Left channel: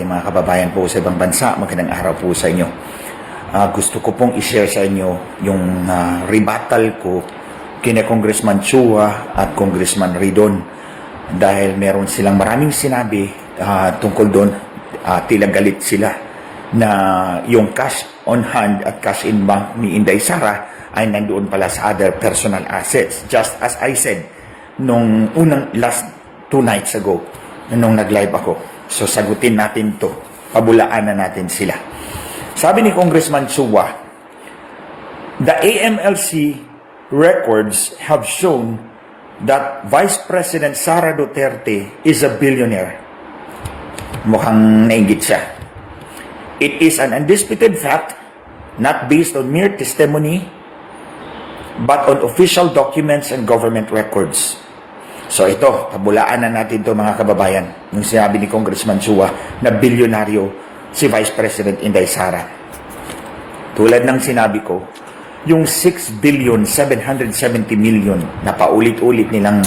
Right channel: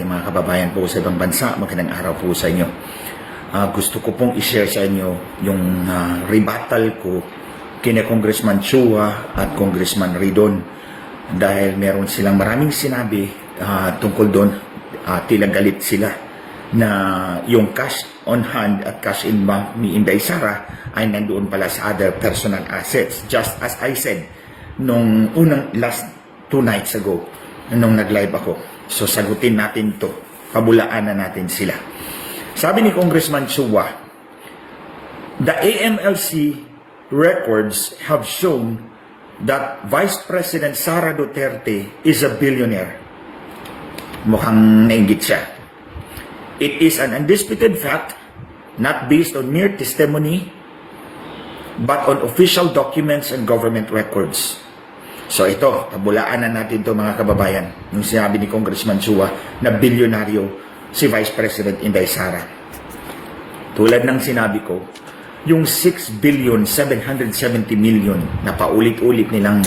ating mga kababayan po sa ibang bansa. Magandang araw po sa inyo. Gusto ko pong i-share sa inyo yung rebuttal ko kina Congressman Chua at Congressman Ridon dahil meron silang maraming sinabi tungkol doon. Tila galit sila na yung cash on hand at cash in bank ni Inday Sara ay nandoon pala sa other personal assets. Just as I said nung last 2 nights ago nung nag-live ako. So sagutin natin to, pabulaan na natin sila. Sabi ni Congressman Chua, the AMLC records have shown that Vice President Sara Duterte is a billionaire. Mukhang nainggit siya. It is an undisputed fact, not based on mere testimony, but on official documents and government records. So ito, pabulaan na natin ito mga kababayan. Yung sinabi ni Congressman Chua na bilyonaryo si Vice President Inday Sara. Tulad ng sinabi ko, yung 6,770 million na paulit-ulit nilang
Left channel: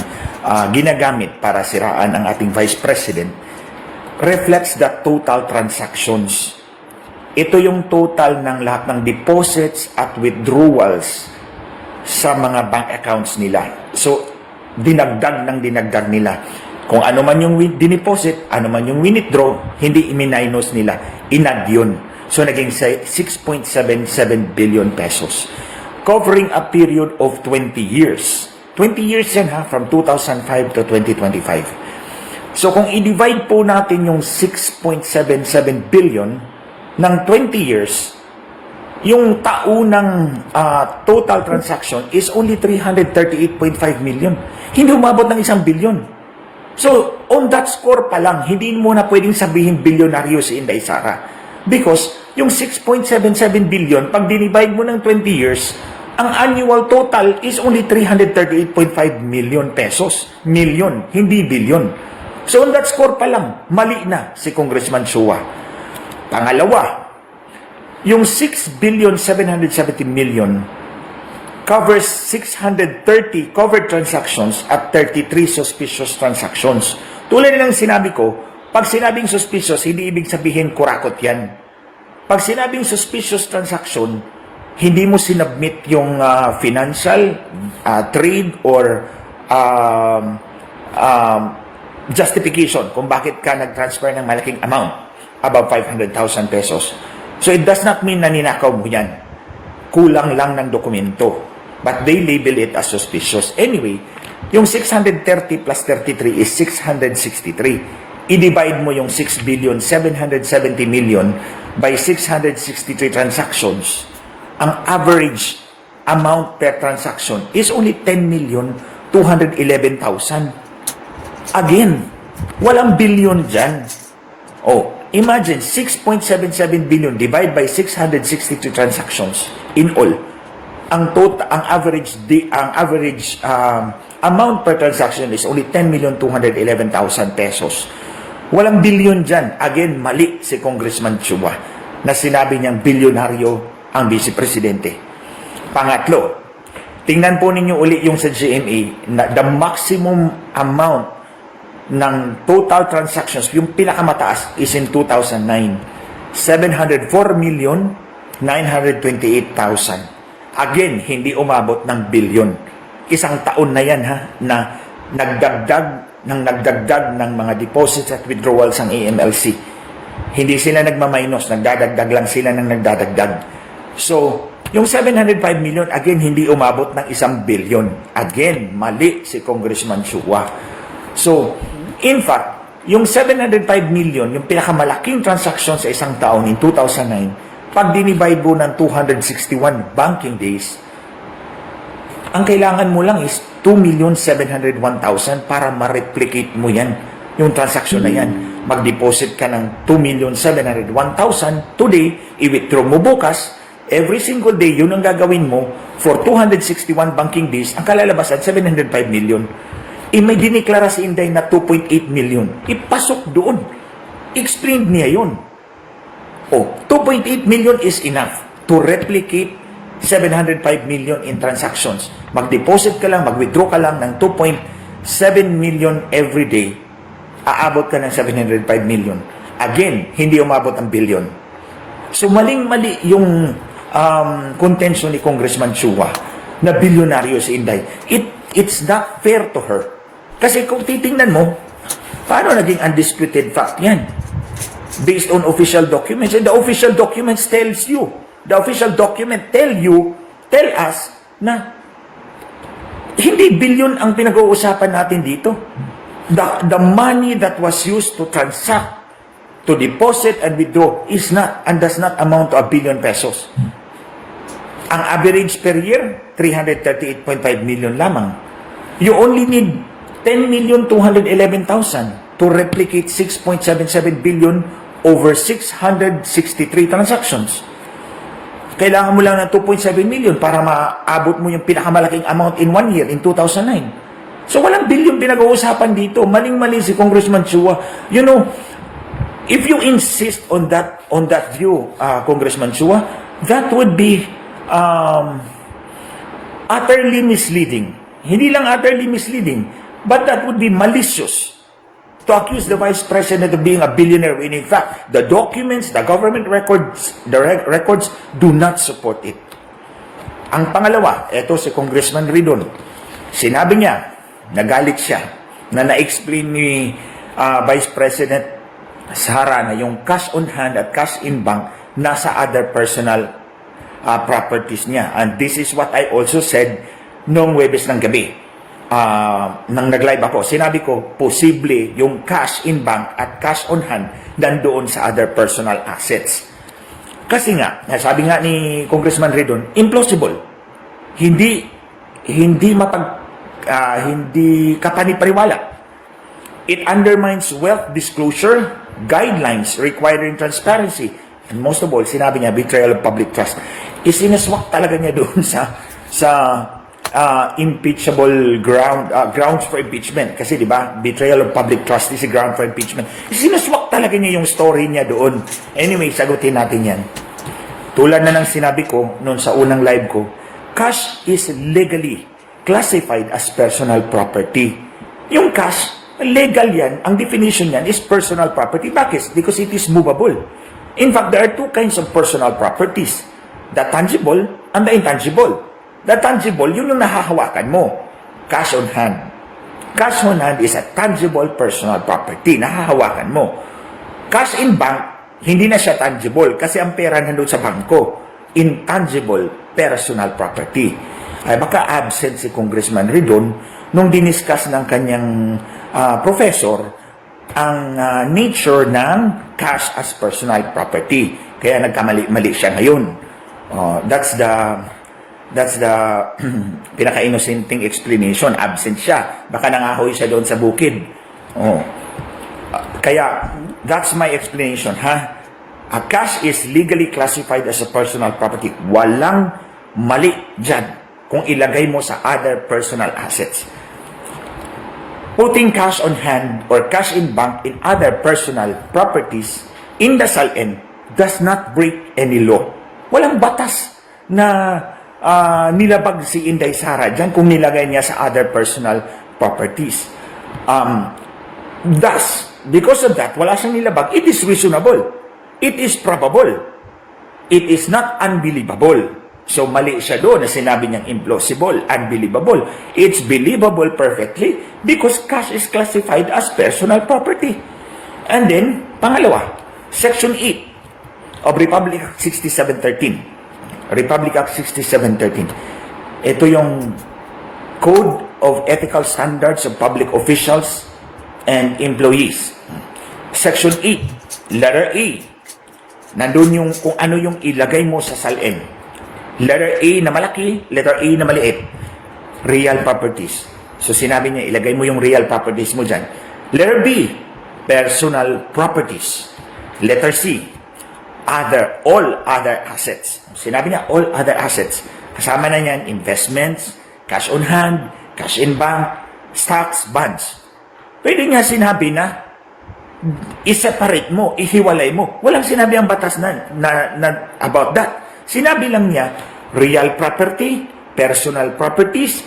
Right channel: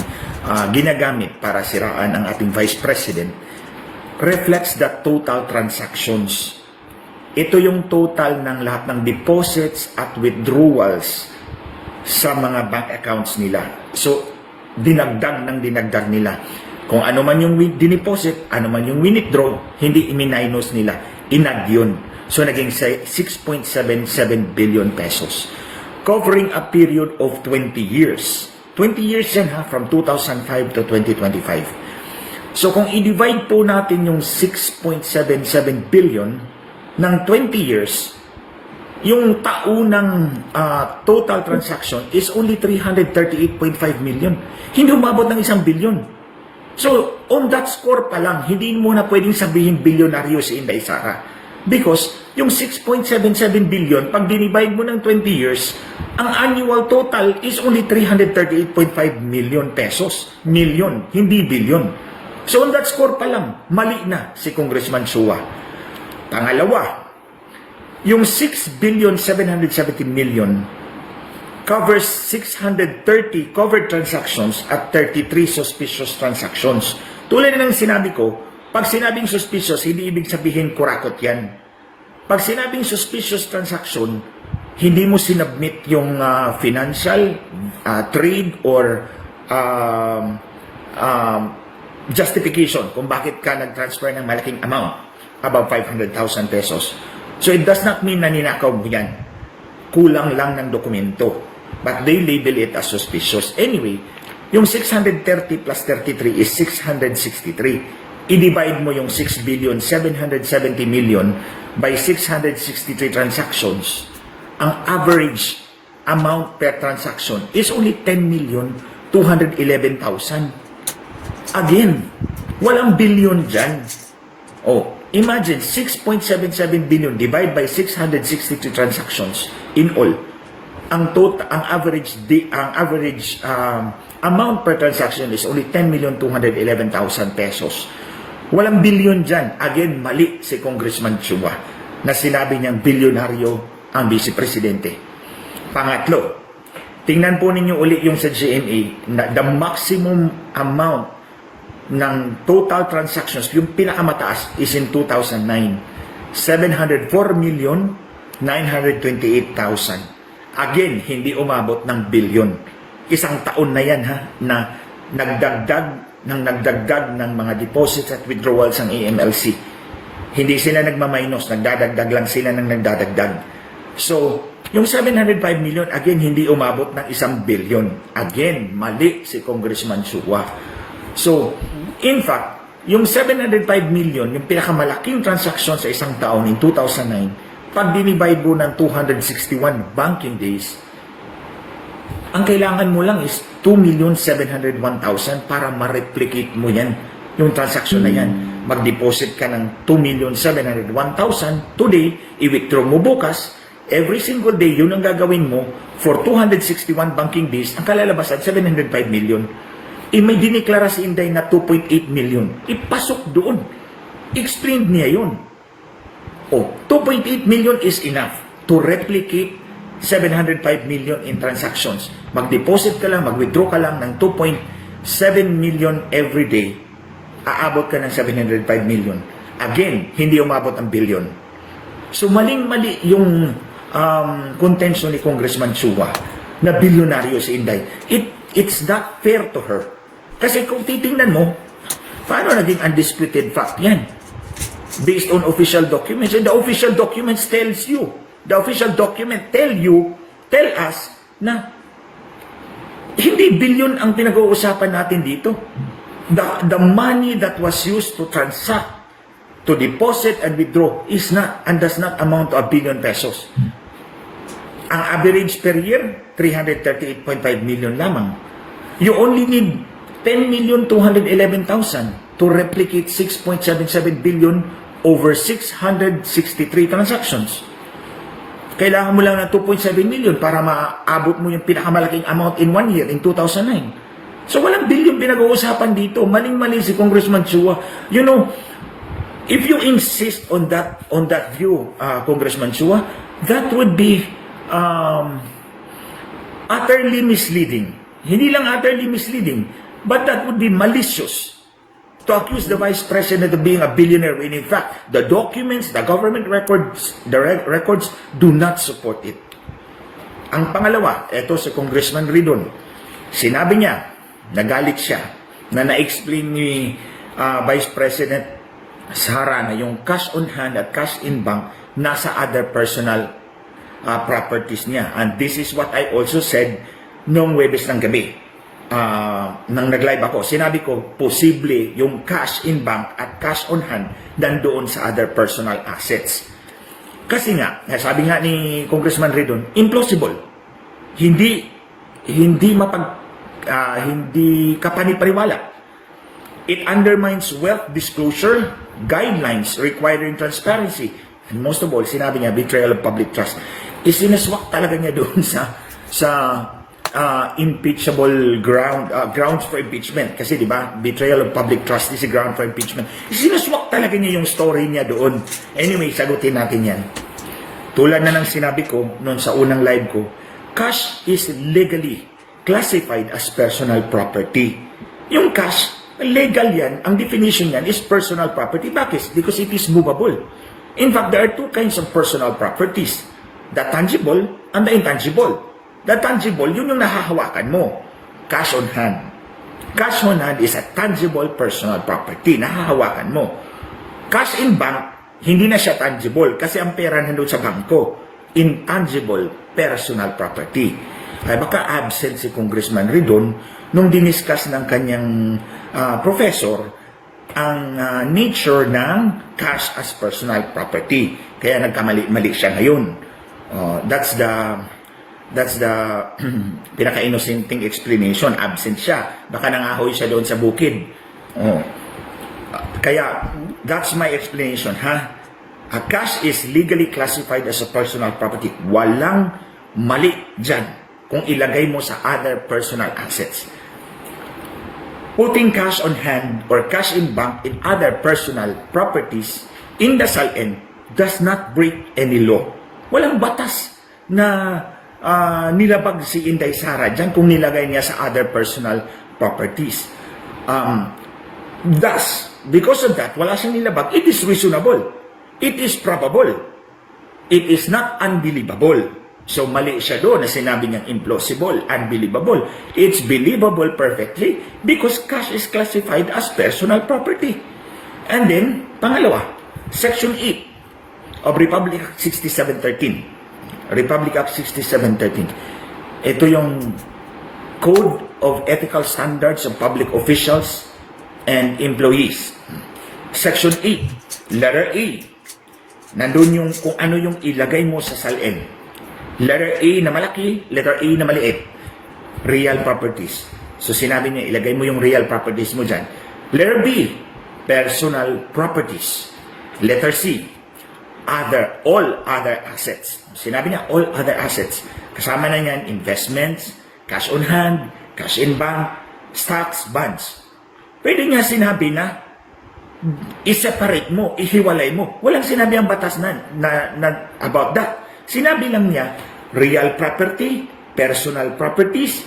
ginagamit para siraan ang ating Vice President reflects the total transactions. Ito yung total ng lahat ng deposits at withdrawals sa mga bank accounts nila. So, dinagdag nila. Kung ano man yung dineposit, ano man yung withdraw, hindi i-minus nila. Inad yun. So, naging 6.77 billion pesos. Covering a period of 20 years. 20 years yan from 2005 to 2025. So, kung i-divide po natin yung 6.77 billion ng 20 years, yung taunang total transaction is only 338.5 million. Hindi umabot ng 1 billion. So, on that score pa lang, hindi mo na pwedeng sabihin bilyonaryo si Inday Sara. Because, yung 6.77 billion, pag dinivide mo ng 20 years, ang annual total is only 338.5 million pesos. Million, hindi billion. So, on that score pa lang, mali na si Congressman Chua. Pangalawa, yung 6,770 million covers 630 covered transactions at 33 suspicious transactions. Tulad ng sinabi ko, pag sinabing suspicious, hindi ibig sabihin kurakot yan. Pag sinabing suspicious transaction, hindi mo sinubmit yung financial, trade, or justification kung bakit ka nag-transfer ng malaking amount, above 500,000 pesos. So it does not mean na ninakaw mo yan. Kulang lang ng dokumento. But they label it as suspicious. Anyway, yung 630 plus 33 is 663. I-divide mo yung 6,770 million by 663 transactions. Ang average amount per transaction is only 10,211,000. Again, walang billion dyan. Oh, imagine 6.77 billion divided by 662 transactions in all. Ang average amount per transaction is only 10,211,000 pesos. Walang billion dyan. Again, mali si Congressman Chua na sinabi niyang bilyonaryo ang Vice Presidente. Pangatlo, tingnan po ninyo uli yung sa GMA na the maximum amount ng total transactions, yung pinakamataas is in 2009, 704,928,000. Again, hindi umabot ng bilyon. Isang taon na yan na nagdagdag ng mga deposits at withdrawals ang AMLC. Hindi sila nagmaminus, nagdadagdag lang sila ng nagdadagdag. So, yung 705 million, again, hindi umabot ng 1 bilyon. Again, mali si Congressman Chua. So, in fact, yung 705 million, yung pinakamalaking transaction sa isang taon in 2009, pag dinivide mo ng 261 banking days, ang kailangan mo lang is 2,701,000 para ma-replicate mo yan, yung transaction na yan. Mag-deposit ka ng 2,701,000 today, i-withdraw mo bukas, every single day, yun ang gagawin mo for 261 banking days, ang kalalabasan, 705 million. May diniklara si Inday na 2.8 million. Ipasok doon. Explain niya yun. 2.8 million is enough to replicate 705 million in transactions. Mag-deposit ka lang, mag-withdraw ka lang ng 2.7 million every day, aabot ka ng 705 million. Again, hindi umabot ng billion. So maling-mali yung contention ni Congressman Chua na bilyonaryo si Inday. It's not fair to her. Kasi kung titingnan mo, paano naging undisputed fact yan? Based on official documents. And the official documents tells you, the official document tell us na hindi billion ang pinag-uusapan natin dito. The money that was used to transact, to deposit and withdraw is not and does not amount to 1 billion pesos. Ang average per year, 338.5 million lamang. You only need 10,211,000 to replicate 6.77 billion over 663 transactions. Kailangan mo lang ng 2.7 million para maabot mo yung pinakamalaking amount in 1 year, in 2009. So walang billion pinag-uusapan dito. Maling-mali si Congressman Chua. You know, if you insist on that view, Congressman Chua, that would be utterly misleading. Hindi lang utterly misleading, but that would be malicious to accuse the Vice President of being a billionaire when in fact the documents, the government records, records do not support it. Ang pangalawa, eto si Congressman Ridon. Sinabi niya, nagalit siya, na na-explain ni Vice President Sara na yung cash on hand at cash in bank nasa other personal properties niya. And this is what I also said noong Webes ng gabi. Nang nag-live ako, sinabi ko, posible yung cash in bank at cash on hand nandoon sa other personal assets. Kasi nga, sabi nga ni Congressman Ridon, implausible. Hindi kapanipariwala. It undermines wealth disclosure guidelines requiring transparency. And most of all, sinabi niya, betrayal of public trust. Isiniswak talaga niya doon sa impeachable grounds for impeachment. Kasi di ba, betrayal of public trust is a ground for impeachment. Sinuswak talaga niya yung story niya doon. Anyway, sagutin natin yan. Tulad na ng sinabi ko noon sa unang live ko, cash is legally classified as personal property. Yung cash, legal yan. Ang definition yan is personal property. Bakit? Because it is movable. In fact, there are two kinds of personal properties. The tangible and the intangible. The tangible, yun yung nahahawakan mo. Cash on hand. Cash on hand is a tangible personal property. Nahahawakan mo. Cash in bank, hindi na siya tangible kasi ang pera nandun sa bangko. Intangible personal property. Ay baka absent si Congressman Ridon nung diniscuss ng kanyang professor ang nature ng cash as personal property. Kaya nagkamali-mali siya ngayon. That's the pinaka-innocenting explanation. Absent siya. Baka nangahoy siya doon sa bukid. Kaya, that's my explanation, ha? A cash is legally classified as a personal property. Walang mali dyan kung ilagay mo sa other personal assets. Putting cash on hand or cash in bank in other personal properties in the SALN does not break any law. Walang batas na nilabag si Inday Sara dyan kung nilagay niya sa other personal properties. Thus, because of that, wala siyang nilabag. It is reasonable. It is probable. It is not unbelievable. So, mali siya doon na sinabi niyang implausible, unbelievable. It's believable perfectly because cash is classified as personal property. And then, pangalawa, Section 8 of Republic Act 6713. Republic Act 6713. Ito yung Code of Ethical Standards of Public Officials and Employees. Section 8, letter A. Nandun yung kung ano yung ilagay mo sa SALN. Letter A na malaki, letter A na maliit. Real properties. So sinabi niya, ilagay mo yung real properties mo dyan. Letter B, personal properties. Letter C, all other assets. Sinabi niya, all other assets. Kasama na niyan, investments, cash on hand, cash in bank, stocks, bonds. Pwede niya sinabi na, i-separate mo, ihiwalay mo. Walang sinabi ang batas na about that. Sinabi lang niya, real property, personal properties,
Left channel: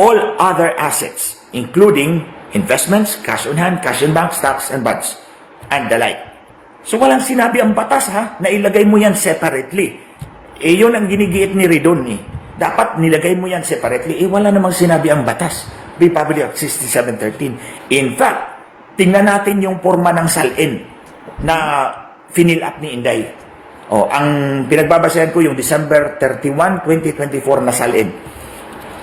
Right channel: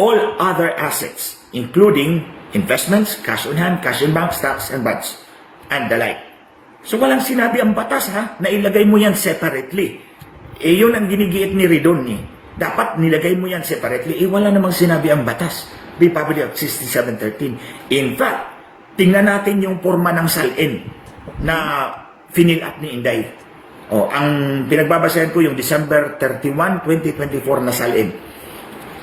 all other assets, including investments, cash on hand, cash in bank, stocks, and bonds, and the like. So walang sinabi ang batas ha, na ilagay mo yan separately. Yun ang ginigiit ni Ridon eh. Dapat nilagay mo yan separately. Wala namang sinabi ang batas. Republic Act 6713. In fact, tingnan natin yung forma ng salin na finil up ni Inday. Ang pinagbabasayan ko yung December 31, 2024 na salin.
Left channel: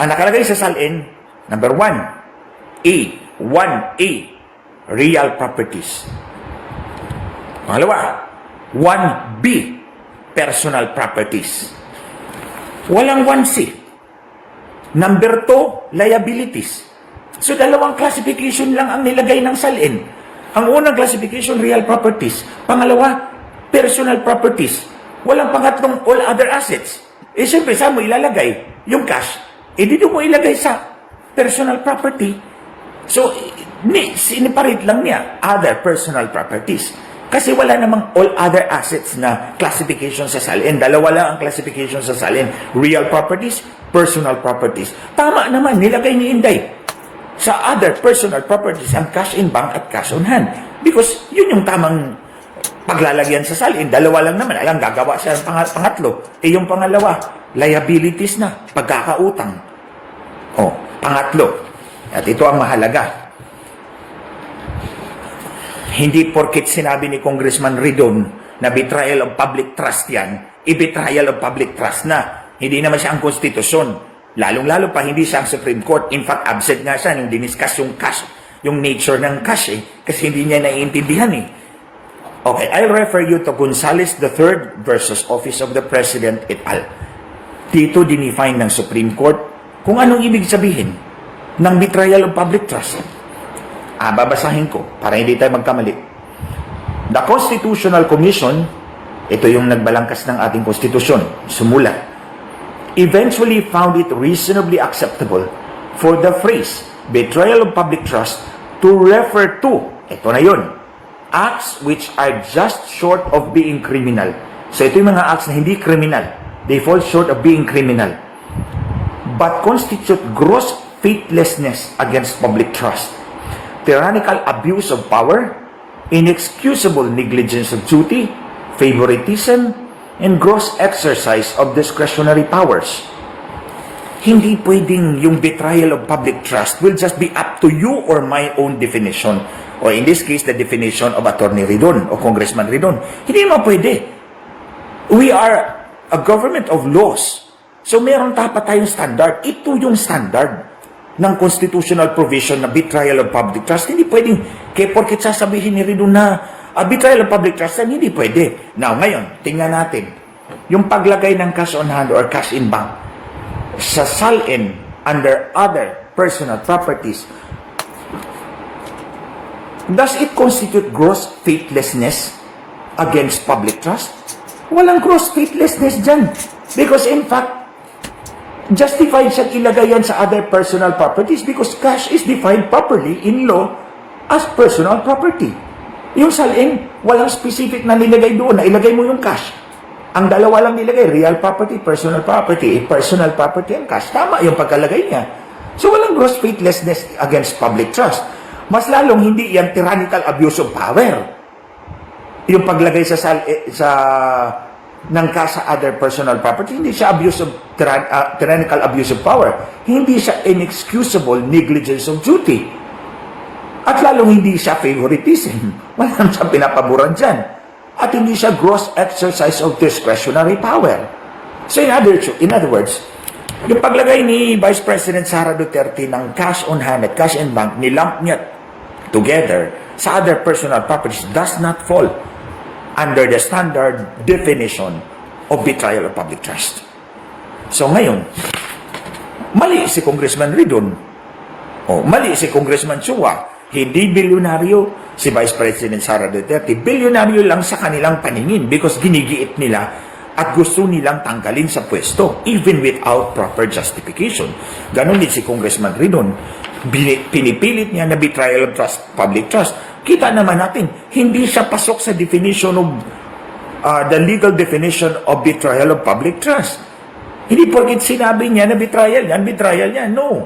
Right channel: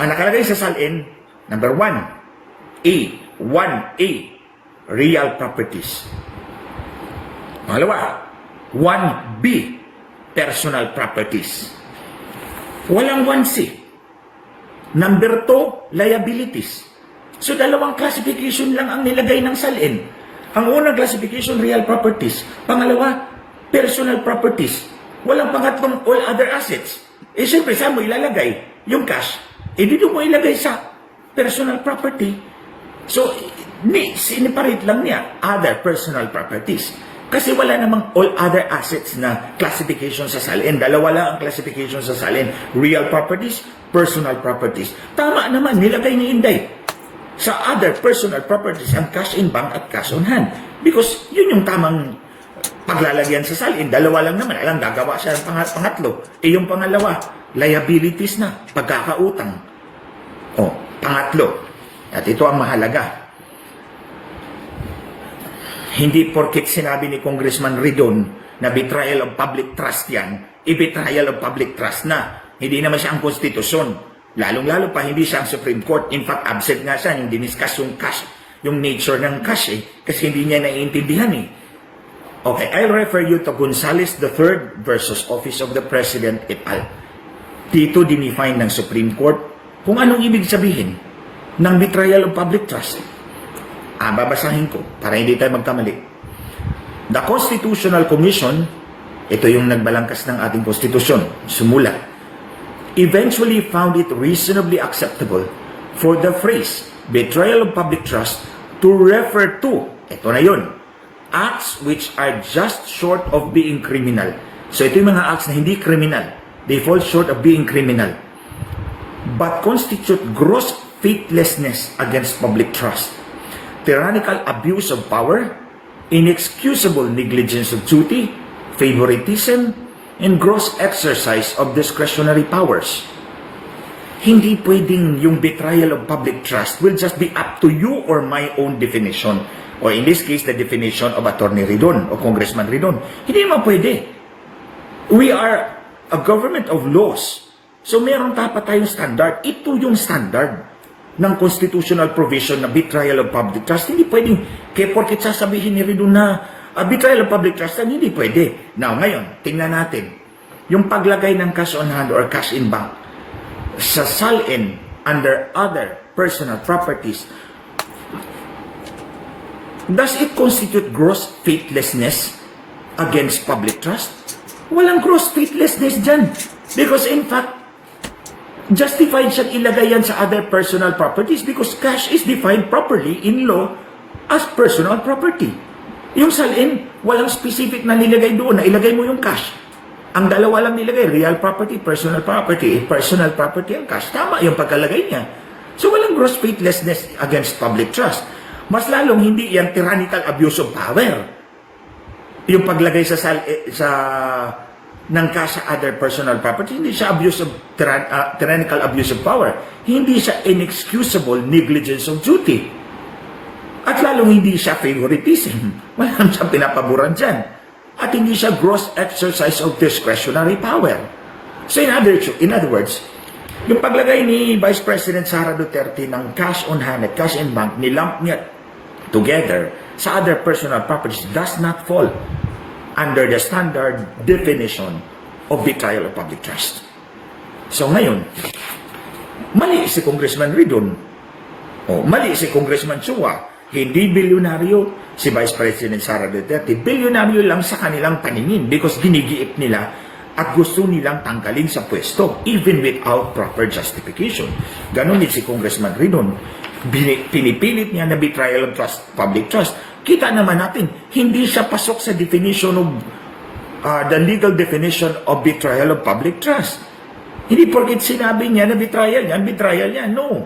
Ang nakalagay sa salin, number 1A, real properties. Pangalawa, 1B, personal properties. Walang 1C. Number 2, liabilities. So, dalawang classification lang ang nilagay ng salin. Ang unang classification, real properties. Pangalawa, personal properties. Walang pangatlong all other assets. Siyempre, saan mo ilalagay? Yung cash. Dito mo ilagay sa personal property. So, siniparate lang niya other personal properties. Kasi wala namang all other assets na classification sa salin. Dalawa lang ang classification sa salin. Real properties, personal properties. Tama naman, nilagay ni Inday sa other personal properties ang cash in bank at cash on hand. Because yun yung tamang paglalagyan sa salin. Dalawa lang naman. Alam, gagawa siya ng pangatlo. Yung pangalawa, liabilities na, pagkakautang. Pangatlo. At ito ang mahalaga. Hindi porkit sinabi ni Congressman Ridon na betrayal of public trust yan, i-betrayal of public trust na. Hindi naman siya ang konstitusyon. Lalong-lalo pa, hindi siya ang Supreme Court. In fact, absent nga siya nung diniscuss yung cash, yung nature ng cash kasi hindi niya naiintindihan Okay, I'll refer you to Gonzales III versus Office of the President et al. Dito dinefine ng Supreme Court kung anong ibig sabihin ng betrayal of public trust. Babasahin ko para hindi tayo magkamali. The Constitutional Commission, ito yung nagbalangkas ng ating konstitusyon, sumulat, eventually found it reasonably acceptable for the phrase betrayal of public trust to refer to, ito na yun, acts which are just short of being criminal. So ito yung mga acts na hindi criminal. They fall short of being criminal. But constitute gross faithlessness against public trust, tyrannical abuse of power, inexcusable negligence of duty, favoritism, and gross exercise of discretionary powers. Hindi pwedeng yung betrayal of public trust will just be up to you or my own definition. Or in this case, the definition of Attorney Ridon o Congressman Ridon. Hindi naman pwede. We are a government of laws. So meron dapat tayong standard. Ito yung standard ng constitutional provision na betrayal of public trust. Hindi pwedeng, kaya porkit sasabihin ni Ridon na betrayal of public trust, hindi pwede. Now, ngayon, tingnan natin. Yung paglagay ng cash on hand or cash in bank sa salin under other personal properties, does it constitute gross faithlessness against public trust? Walang gross faithlessness dyan. Because in fact, justified siyang ilagay yan sa other personal properties because cash is defined properly in law as personal property. Yung salin, walang specific na nilagay doon na ilagay mo yung cash. Ang dalawa lang nilagay, real property, personal property. Personal property ang cash. Tama yung pagkalagay niya. So walang gross faithlessness against public trust. Mas lalong hindi yan tyrannical abuse of power. Yung paglagay sa ng cash sa other personal property, hindi siya tyrannical abuse of power. Hindi siya inexcusable negligence of duty. At lalong hindi siya favoritism. Walang siyang pinapaboran dyan. At hindi siya gross exercise of discretionary power. So in other words, yung paglagay ni Vice President Sara Duterte ng cash on hand at cash in bank, nilamp niya together sa other personal properties does not fall under the standard definition of betrayal of public trust. So ngayon, mali si Congressman Ridon, mali si Congressman Chua, hindi bilyonaryo si Vice President Sara Duterte, bilyonaryo lang sa kanilang paningin because ginigiit nila at gusto nilang tanggalin sa pwesto even without proper justification. Ganon din si Congressman Ridon, pinipilit niya na betrayal of trust, public trust. Kita naman natin, hindi siya pasok sa definition of the legal definition of betrayal of public trust. Hindi porket sinabi niya na betrayal yan, no.